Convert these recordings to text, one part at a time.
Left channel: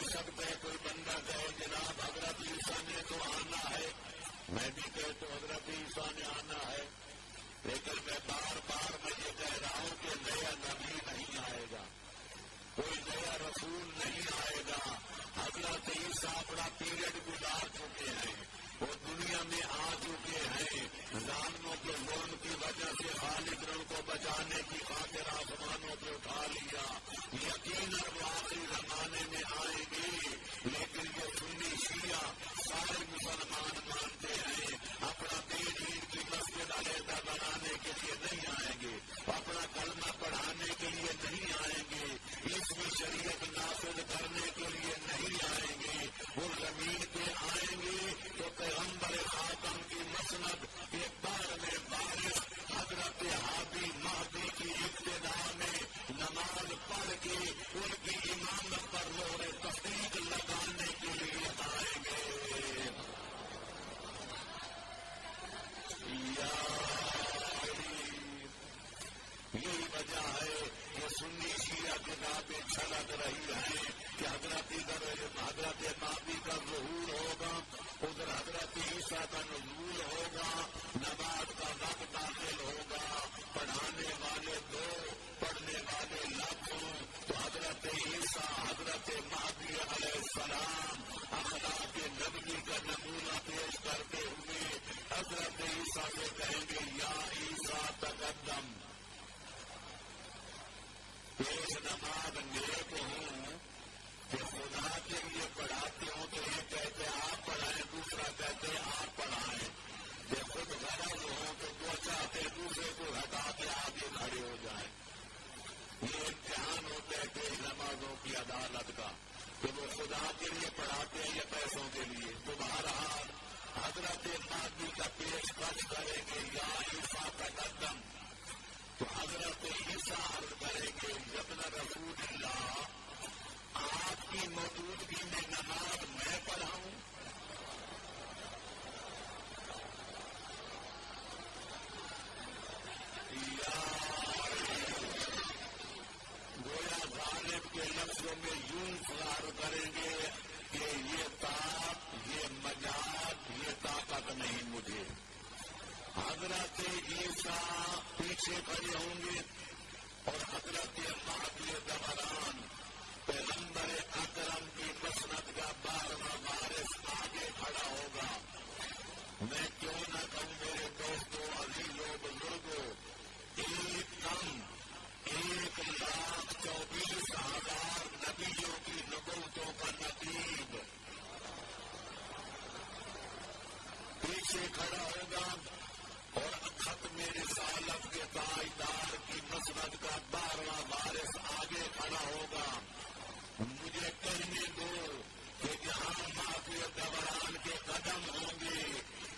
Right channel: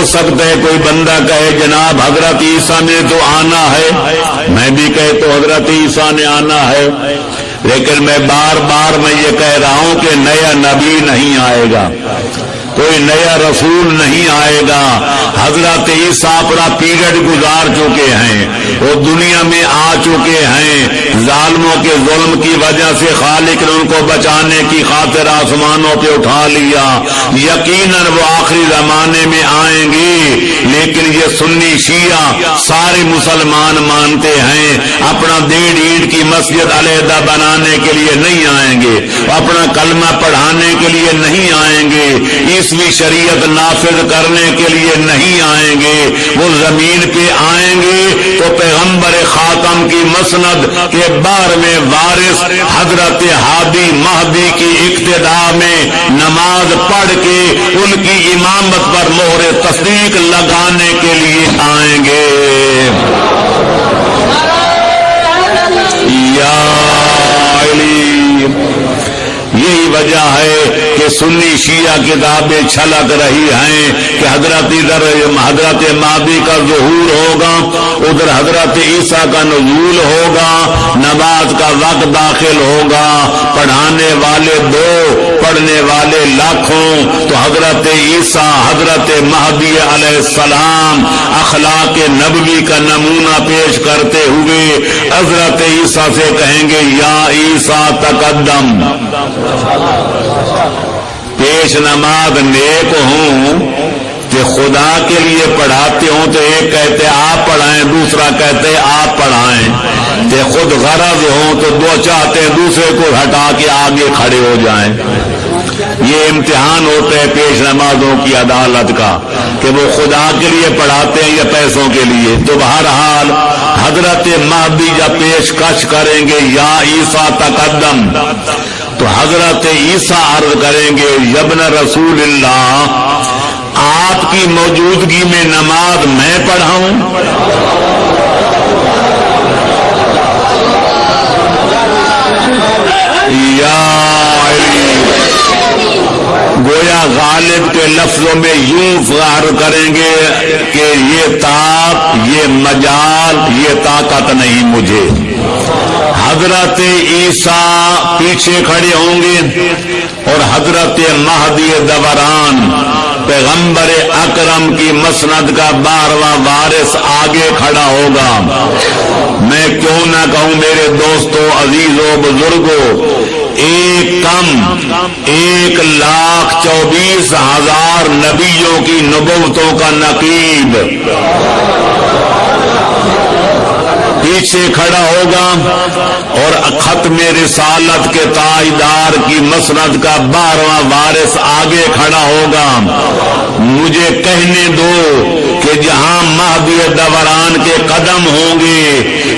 ہو سکتا ہے کوئی بندہ کہے جناب حضرت عیسیٰ نے تو آنا ہے، میں بھی کہے تو حضرت عیسیٰ نے آنا ہے، لیکن میں بار بار میں یہ کہہ رہا ہوں کہ نیا نبی نہیں آئے گا، کوئی نیا رسول نہیں آئے گا۔ حضرت عیسیٰ اپنا پیریڈ گزار چکے ہیں، وہ دنیا میں آ چکے ہیں، ظالموں کے ظلم کی وجہ سے خالق نے ان کو بچانے کی خاطر آسمانوں پہ اٹھا لیا، یقیناً وہ آخری زمانے میں آئیں گے، لیکن یہ سنی شیعہ سارے مسلمان مانتے ہیں اپنا 1.5 اینٹ کی مسجد علیحدہ بنانے کے لیے نہیں آئیں گے، اپنا کلمہ پڑھانے کے لیے نہیں آئیں گے، عیسوی شریعت نافذ کرنے کے لیے نہیں آئیں گے، وہ زمین پہ آئیں گے تو پیغمبر خاتم کی مسند کے 12ویں وارث حضرت ہادی مہدی کی اقتداء میں نماز پڑھ کے ان کی امامت پر مہر تصدیق لگانے کے لیے آئیں گے۔ یا علی، یہی وجہ ہے کہ سنی شیعہ کتابیں چھلک رہی ہیں کہ حضرت مہدی کا ظہور ہوگا، ادھر حضرت عیسیٰ کا نزول ہوگا، نماز کا وقت داخل ہوگا، پڑھانے والے 2 پڑھنے والے لاکھوں، تو حضرت عیسیٰ حضرت مہدی علیہ السلام اخلاق نبوی کا نمونہ پیش کرتے ہوئے حضرت عیسیٰ سے کہیں گے یا عیسیٰ تقدم، پیش نماز نیک ہوں کہ خدا کے لیے پڑھاتے ہوں تو ایک کہتے آپ پڑھائیں، دوسرا کہتے آپ پڑھائیں، کہ خود غرض ہوں تو 2 چاہتے ہیں دوسرے کو ہٹا کے آگے کھڑے ہو جائیں۔ یہ امتحان ہوتا ہے پیش نمازوں کی عدالت کا کہ وہ خدا کے لیے پڑھاتے ہیں یا پیسوں کے لیے۔ تو بہرحال حضرت مہدی جب پیشکش کریں گے یا عیسیٰ تقدم، تو حضرت عیسیٰ عرض کریں گے یبن رسول اللہ، آپ کی موجودگی میں نماز میں پڑھاؤں؟ یا گویا غالب کے لفظوں میں یوں ظاہر کریں گے کہ یہ طاقت، یہ مجال، یہ طاقت نہیں مجھے۔ حضرت عیسیٰ پیچھے کھڑے ہوں گے اور حضرت مہدی دوران پیغمبر اکرم کی مسند کا 12واں وارث آگے کھڑا ہوگا۔ میں کیوں نہ کہوں میرے دوستو، عزیزو، بزرگو، 1,24,000 نبیوں کی نبوتوں کا نقیب پیچھے کھڑا ہوگا اور ختم رسالت کے تاجدار کی مسند کا 12واں وارث آگے کھڑا ہوگا۔ مجھے کہنے دو کہ جہاں مہدی دوران کے قدم ہوں گے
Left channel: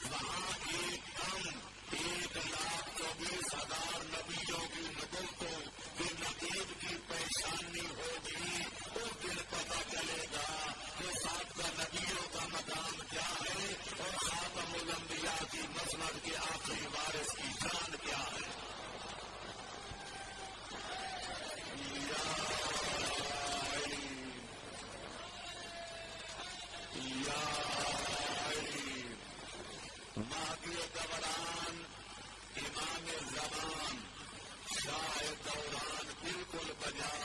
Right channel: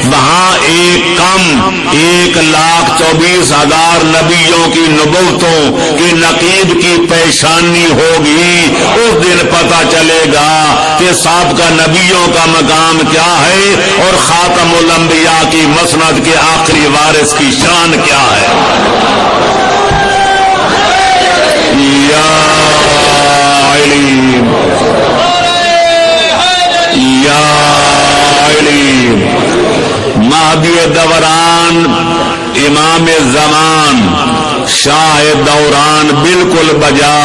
وہاں 1,24,000 نبیوں کی نبوتوں کی نقیب کی پیشانی ہوگی۔ اس دن پتہ چلے گا کہ سابقہ نبیوں کا مقام کیا ہے اور خاتم الانبیاء کی مسند کے آخری وارث کی شان کیا ہے۔ یا علی، یا علی، مہدی دوران، امام زمان، شاہ دوران بالکل بجا،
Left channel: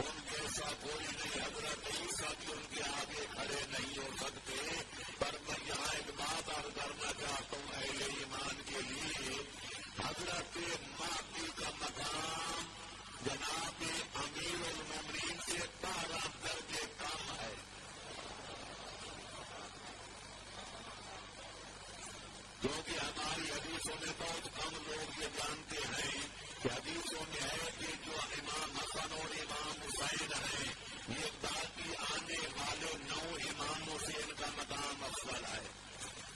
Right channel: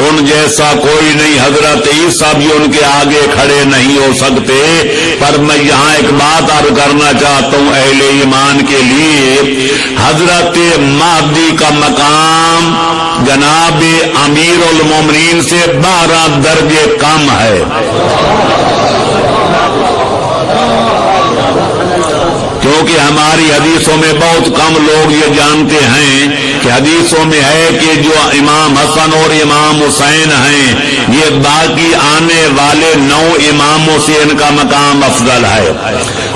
ان جیسا کوئی نہیں۔ حضرت عیسیٰ بھی ان کے آگے کھڑے نہیں ہو سکتے۔ پر میں یہاں ایک بات عرض کرنا چاہتا ہوں اہل ایمان کے لیے، حضرت مہدی کا مقام جناب امیر المومنین سے 12 درجے کم ہے۔ کیونکہ ہماری حدیثوں میں بہت کم لوگ یہ جانتے ہیں کہ حدیثوں میں ہے کہ جو امام حسن اور امام حسین ہیں یہ باقی آنے والے 9 اماموں سے ان کا مقام افضل ہے،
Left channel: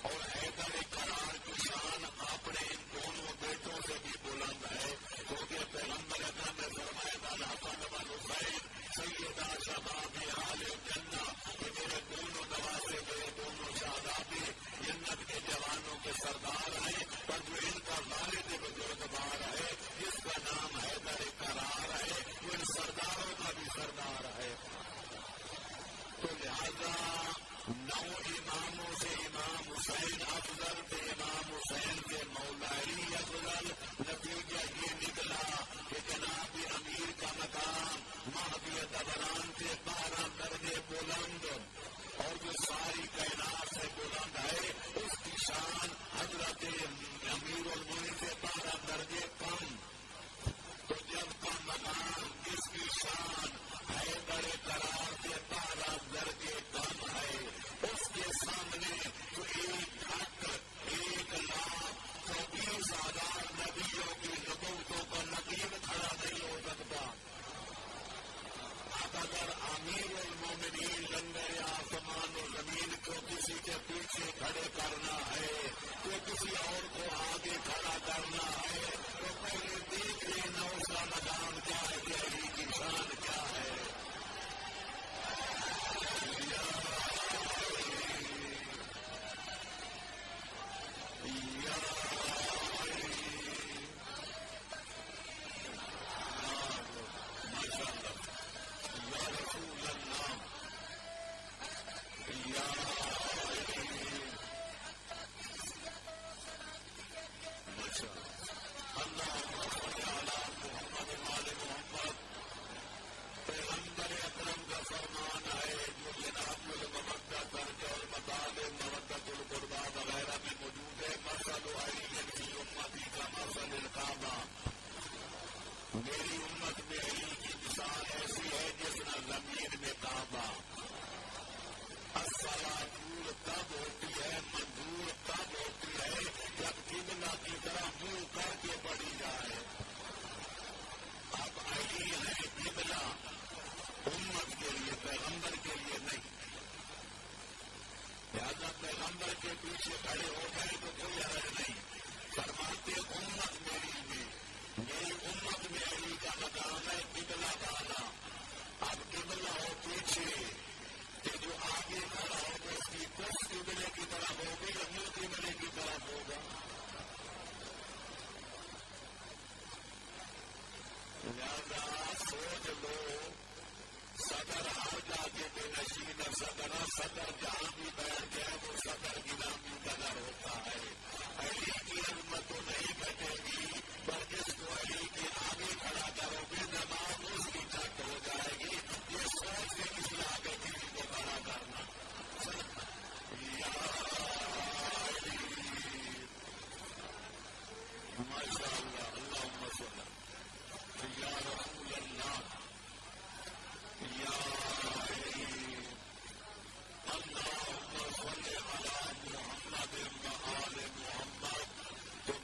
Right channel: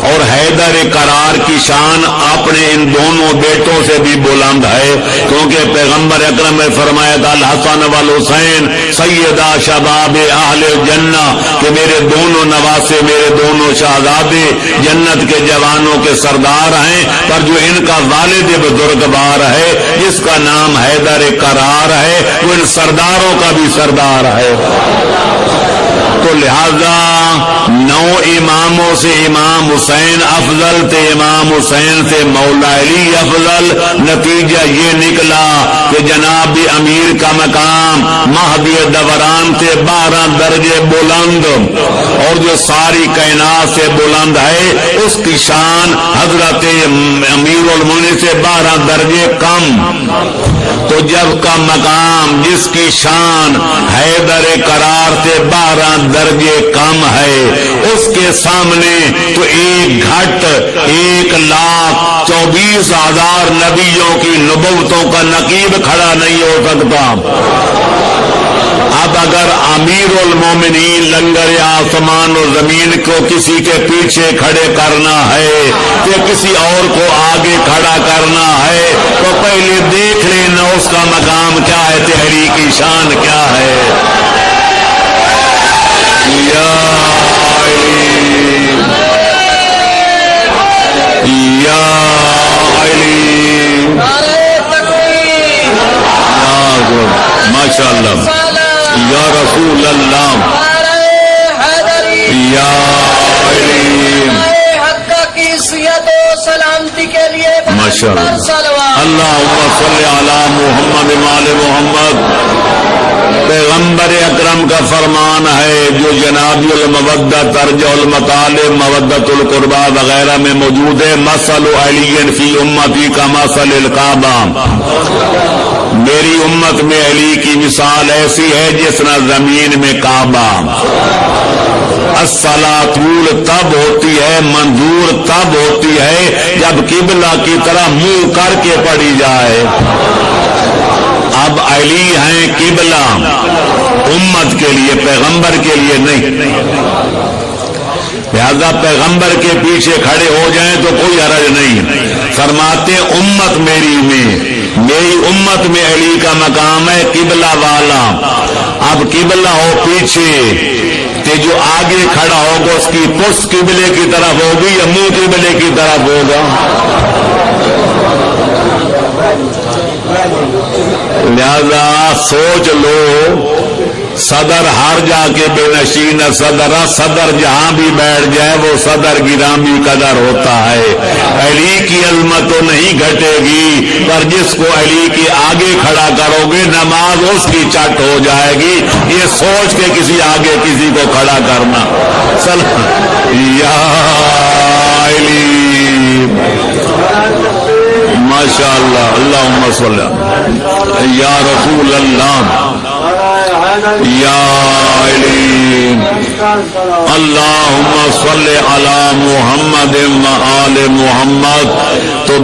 اور حیدر کرار کی شان اپنے ان دونوں بیٹوں سے بھی بلند ہے، کیونکہ پیغمبر اکرم نے فرمایا تھا الحسن والحسین سیدہ شباب اہل جنہ، کہ میرے دونوں نواسے، میرے دونوں شہزادے جنت کے جوانوں کے سردار ہیں، پر جو ان کا والد بزرگوار ہے جس کا نام حیدر کرار ہے وہ ان سرداروں کا بھی سردار ہے۔ تو لہذا 9 اماموں سے امام حسین افضل تھے، امام حسین سے مولا علی افضل۔ نتیجہ یہ نکلا کہ جناب امیر کا مقام مہدی دوران سے 12 درجے بلند، اور جو ساری کائنات سے بلند ہے اس کی شان حضرت امیر المومنین سے 12 درجے کم۔ تو جب کا مقام جس کی شان حیدر قرار سے 12 درجے کم ہے، اس کے سامنے تو 1,24,000 نبیوں کی نبوتوں کا نقیب کھڑا نہیں ہو سکتا۔ اب اگر امیر المومنین لنگر آسمان و زمین کو کسی کے پیچھے کھڑے کرنا ہے یا کسی اور کو آگے کھڑا کرنا ہے تو پہلے دیکھ لینا اس کا مقام کیا ہے، تحریک کی شان کیا ہے۔ یا علی یا علی، ماشاءاللہ، یا رسول اللہ، یا علی، سلامتی کے لیے ماشاءاللہ، اللہم صلی علی محمد وآل محمد۔ پیغمبر اکرم کا فرمان ہے جو جناب المودۃ ترجع المطالب مودۃ القربہ وغیرہ میں موجود ہے، مثل علی فی امتی کا مثل الکعبہ، میری امت میں علی کی مثال ایسی ہے جس طرح زمین میں کعبہ۔ الصلاۃ تب ہوتی ہے، منظور تب ہوتی ہے جب قبلہ کی طرح منہ کر کے پڑھی جائے۔ اب علی ہیں قبلہ امت کے لیے، پیغمبر کے لیے نہیں، لہذا پیغمبر کے پیچھے کھڑے ہو جائیں تو کوئی حرج نہیں۔ فرماتے امت میری امت میں علی کا مقام ہے قبلہ والا۔ اب قبلہ ہو پیچھے کہ جو آگے کھڑا ہوگا اس کی پشت قبلے کی طرف ہوگی یا منہ قبلے کی طرف ہوگا؟ لہذا سوچ لو، صدر ہر جا کے بے نشین صدر جہاں بھی بیٹھ جائے وہ صدر گرامی قدر ہوتا ہے۔ علی کی عظمت تو نہیں گھٹے گی، پر جس کو علی کے آگے کھڑا کرو گے نماز اس کی چٹ ہو جائے گی۔ یہ سوچ کے کسی آگے کسی کو کھڑا کرنا، یا علی، ماشاءاللہ، اللہم صلی یا رسول اللہ، یا علی، اللہم صلی علی محمد و آل محمد۔ تو